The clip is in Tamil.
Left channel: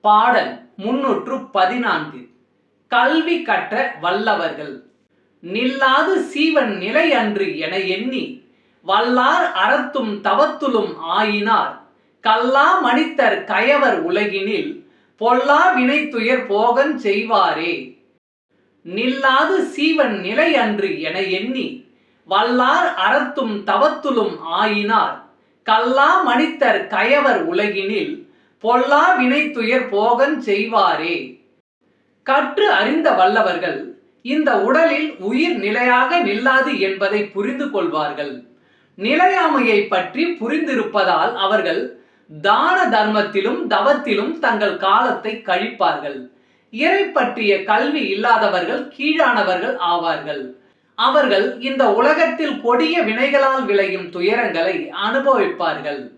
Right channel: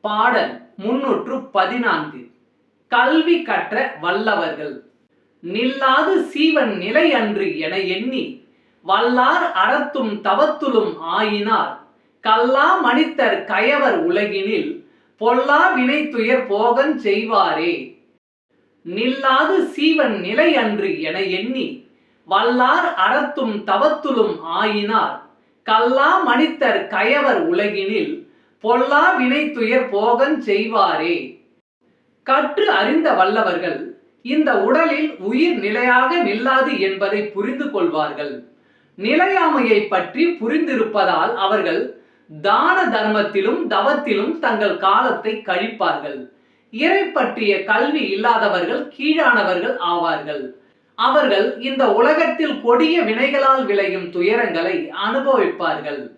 பாடல் முன்னூற்று பதினான்கு. கல்வி கற்ற வல்லவர்கள். நில்லாது சீவன் நிலை அன்று என எண்ணி வல்லார் அறத்தும் தவத்துலும் ஆயினார். கல்லா மனிதர் கயவர் உலகினில் பொல்லா வினை துயர் போகன் செய்வாரே. நில்லாது சீவன் நிலை அன்று என எண்ணி வல்லார் அறத்தும் தவத்துலும் ஆயினார். கல்லா மனிதர் கயவர் உலகினில் பொல்லா வினை துயர் போகன் செய்வாரே. கற்று அறிந்த வல்லவர்கள் இந்த உடலில் உயிர் நிலையாக நில்லாது என்பதை புரிந்து கொள்வார்கள். நிலையாமையை பற்றி புரிந்திருப்பதால் அவர்கள் தான தர்மத்திலும் தவத்திலும் தங்கள் காலத்தை கழிப்பார்கள். இறை பற்றிய கல்வி இல்லாதவர்கள் கீழானவர்கள் ஆவார்கள். அவர்கள் இந்த உலகத்தில் கொடிய வினைகளால் விளையும் துயரங்களை அனுபவிப்பார்கள்.